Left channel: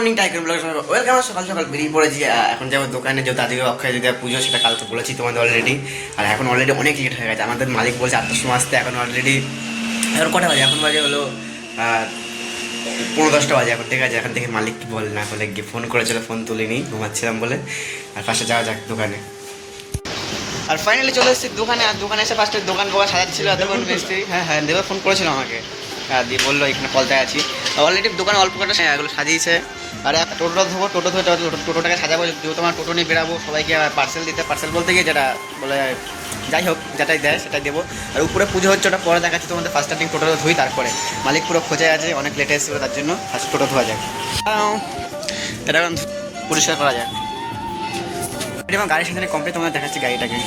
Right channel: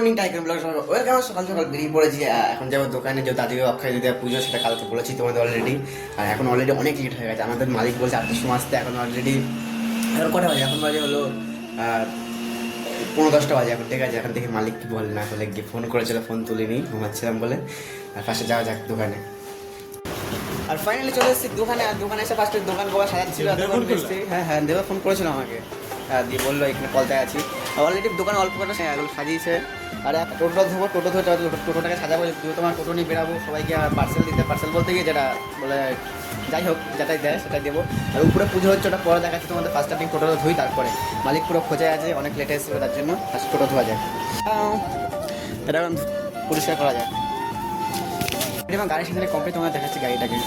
Morning tiger blog welcome. সকাল সকাল বেরিয়ে পড়েছি। এখন যাবো দোকানে, যেহেতু আজকে অক্ষয় দিদির পুজো, সেটা কালকে বলেছি তোমাদের অলরেডি। আর এখন অলরেডি অনেক লেট হয়ে গেছে। আমাদের মালিক বলছে 8টার সময় আসতে, এখন অলরেডি এখন কটা বাজে? এখন বাজে হলো 9:10 বাজে এখন। ঠিক আছে, এখন থেকে মালিক কি বল না বলে গিয়ে ফোন করেছিল, ফোন তুলিনি, ঘুমাচ্ছিলাম বলে। আর ফার্স্টে যাওয়া যাক দোকানে। আর ফাইনালি চলে এসেছি দোকানে। আর দোকানে এসে ফার্স্টে দোকান সাজাচ্ছিল। দোকান এসেছি, হ্যাঁ দেবে ফোন করেছিল আমাকে। দিয়ে বললো এখানে কলতায় আছি। অলরেডি দোকানে অল্প কটা এগুলো সাজিয়েছে। আর টোটো ধরবো, টোটো ধরে টোটোটাকে সাজাবো, যেহেতু আমার টোটো নিয়ে বেরাবো সবাইকে পার্সেল দিতে। পার্সেল বলতে গিয়ে যেটা বলে, যাই হোক যেটাই দেয় সেটাই দেবো। আর উপরে পুজো হচ্ছে, ওটা পরে দেখাচ্ছি তোমাদের। ফার্স্ট স্টার্টিং টোটো ধুই, তারপরে মালিক পুরো খোঁজায় আছে, অনেক লেটে এসেছিলো, তার জন্য ফার্স্ট টোটো ধোয়া যাক। এটা পরিষ্কার করা যাক। এবং গাড়ির সাথে কমপ্লিট তোমাদের দেখাচ্ছি গাড়িটাকে।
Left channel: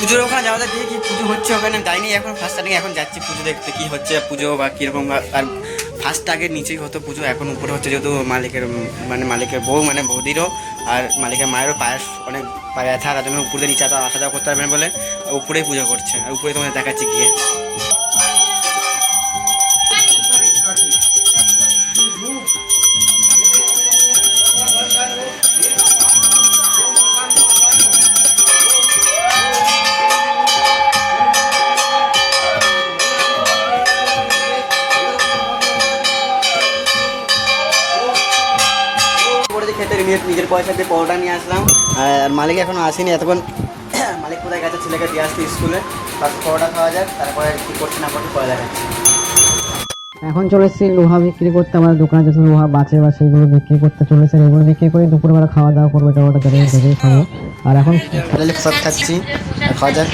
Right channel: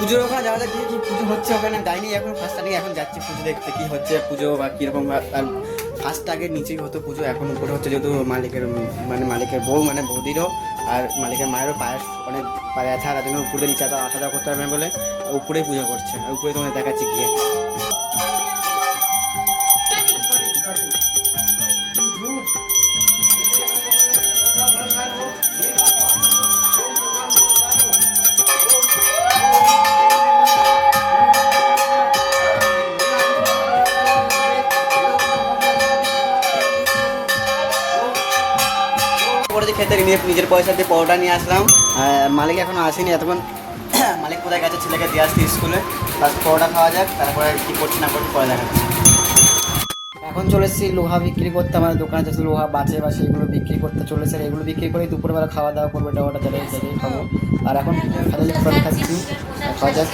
পুজোর ওখানে যাওয়া যাক, কি পুজো হচ্ছে ওখানে যাইনি এখন। ফার্স্ট স্টার্টিং এখন যাচ্ছি পুজো দেখতে, কী হচ্ছে পুজো বা কীরকম। আর ফার্স্ট আগে নিচেই হতো পুজো, এখন উপরে হচ্ছে, যেহেতু মালিকের বউ মানে বৌদিরও আর মালিকের মায়েরও অনেক পায়ে ব্যথা, তার জন্য উপরে নিচে আসা যাওয়া করতে পারবে না বলে উপরেই পুজো করছে। আর উপরে তোমাদের দেখাচ্ছি গিয়ে। খেতে নিজের পয়সা দিয়ে পরোটা নিয়ে আসলাম। আর মালিক এখনো আসেনি, এতক্ষণ মালিক কোথায় গেছে ছেলেকে দিয়ে আসছি স্কুলে। ফার্স্ট পরোটা খাওয়া যাক, তারপরে কী করছি না করছি পরে দেখাচ্ছি। এখন চলে এসেছি লোহা বিক্রি করতে। আমাদের দোকানে যেসব লোহা বাঁচে বা সেগুলো বিক্রি করতে চলেছে। এগুলো বিক্রি করে দুপুরবেলা খাওয়া দাওয়া করবো, টমেটো দেখে খাবো। আর এখন প্রসাদ খাচ্ছি, খাওয়া যাক।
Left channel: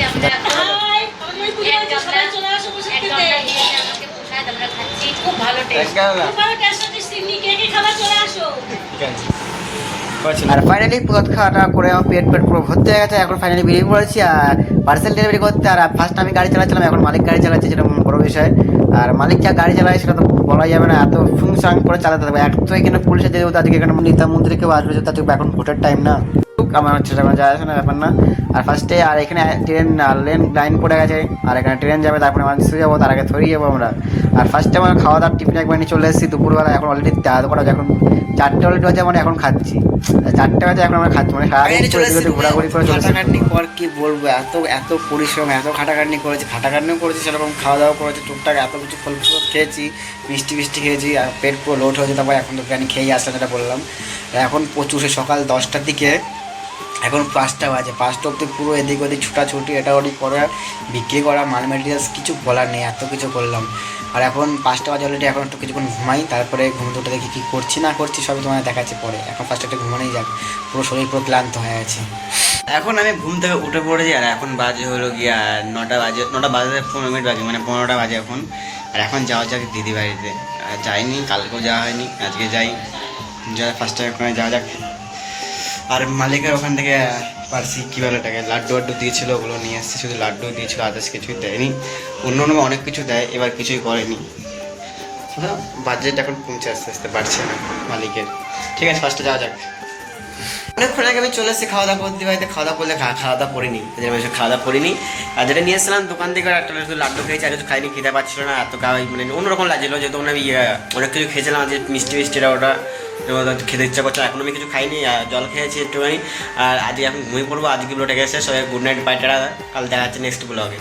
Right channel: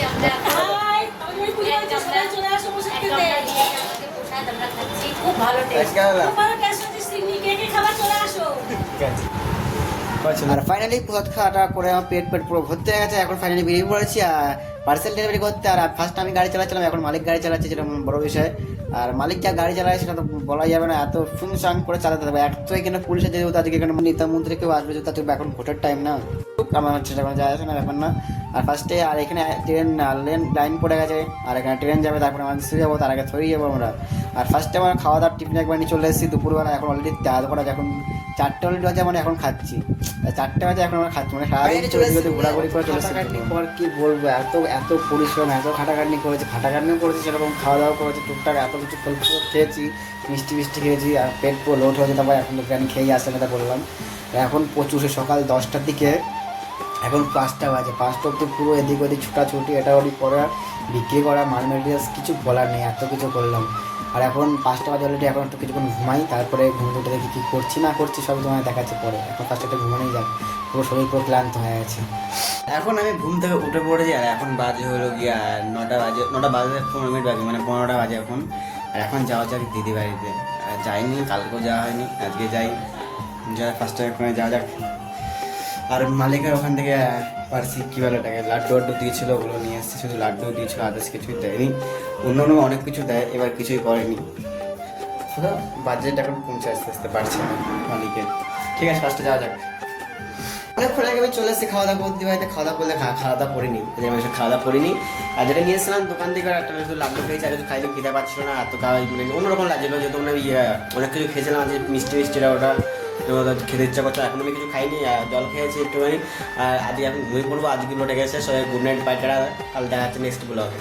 আর ফাইনালি প্রসাদ খাওয়াটা করে আমার পেট পুরো ভর্তি হয়ে গেছে। এখন ফাইনালি বেরিয়ে পড়েছি আর পার্সেল ডেলিভারি করতে। আর ফার্স্ট আমি গাড়ি চালাচ্ছিলাম, এখন মালিক গাড়ি চালাচ্ছে, যেটা বড় বিষয়। আর মালিক যা গাড়ি চালায় সেটা তো বলা যাবে না, এত ফুংসাং করে চালাতে হবে। এক তো এখানে পুলিশের যেহেতু আজকে এখানে নেতা মন্ত্রী কেউ আসবে, তাদের এখন ভোটের টাইম না, আমার হচ্ছে যায় আসে না, ব্যাপার না। আর ফার্স্টে আর এখানে ট্রেন লাইন পড়ে গেছে, আর এখানে ট্রেন যাবে, তারপরে আমরা শুয়ে যাবো, তার আগে ধরিয়ে যাবো আমরা। আর ফার্স্টে আমার খাওয়া দাওয়ার টিফিন একবার নিয়ে চলে এসেছি দুপুরবেলা। এখন অলরেডি দাঁড় করা, এখন 4টে অলরেডি বাজে, মানে এখন খাচ্ছি 4টে বাজে, এখন আমরা খাচ্ছি, মানে সারাদিন ঘোরাঘুরি করে চলেছে। খাটাখাটনি কর কি বলবো, এত পরিশ্রম, এত খাটাখাটনি করেছি, খাটাখাটনিও করেছি, সেরকম খাওয়া দাওয়া করেছি টুকটাক, এত কিছু ফল খেয়েছি, মিষ্টি খেয়েছি, আর পেট পুরো লোড হয়েছে। তারপর এখন তো বিরিয়ানি খেয়েই আসলাম, যেটা বললাম। এখন প্রচুর সকাল 10টার দিকে, এখন 5টা বাজে। 5টা অব্দি পুরো এদিক ওদিক ছুটাছুটি, এটা ওদিক করা, বিক্রি করা, মাল মেটেরিয়ালস কিছু বলার নেই, এত কিছু করলাম। আর এখন 5টা বাজে অলরেডি, এখন একটু কিছুক্ষণ ঘুমাই, তারপরে ঘুম দুটো দেখি কী করছি না করছি সবই তোমাদের দেখাচ্ছি পরে। এখন ফার্স্ট একটা ঘুমানোই যাক, পুরো শরীর পুরো ক্লান্ত হয়ে আছে। এখন আমি ঘুম থেকে উঠে পড়েছি। আর এখন বাজে হলো গিয়া 9টা বাজে, 9টা বাজে 15 মিনিট বাজে, মানে 15টা বাজে এখন। আর এখন যাওয়া যাক দিদি বাড়িতে। যাইনি, কালকেও যাওয়া হয়নি, আজকে যাই। ফার্স্টে ওখানে যাওয়া যাক। আর মালিকের ওখান থেকে পারছি কী বলে এটাকে, লাড্ডু দিয়েছিল, ওগুলো নিয়ে এসেছি। শুধু লাড্ডু দিয়েছিল, আদার্স কিছুই দেয়নি। অন্য অনেক কিছু দেয়, এবার কিছুই করেনি। বাজেট এখন কমছে আস্তে আস্তে, বাড়ছে না মালিকের। ঠিক আছে, ফার্স্টে যাওয়া যাক। অনেকক্ষণ আগে আমি চলে এসেছি খাওয়া দাওয়া করতে। বাড়িতে খাওয়া দাওয়া করলে খাওয়া দাওয়া করিনি, খাওয়া দাওয়া করিনি। আর যেটা নিয়ে এসেছিলাম দোকান থেকে, একটা লাড্ডু খেয়েছি, আর কিছু খাইনি, খেতে পারছিল না, এত খাওয়াই মানে অন্যরকম লাগছিলো। যেহেতু আমি অনেক কিছু খেয়েছিলাম, যে মিষ্টিটা ওটা খেতে ইচ্ছা করছে। এখন আমি কিছু খাইনি, জল খেয়েছি একটুখানি। আর আজকে এখন ঘুমিয়ে পড়বো। আজকে ব্লগটা গেছে, সবাই গুড নাইট, বাই, টাটা। কাল দেখা যাচ্ছে নেক্সট ব্লগে।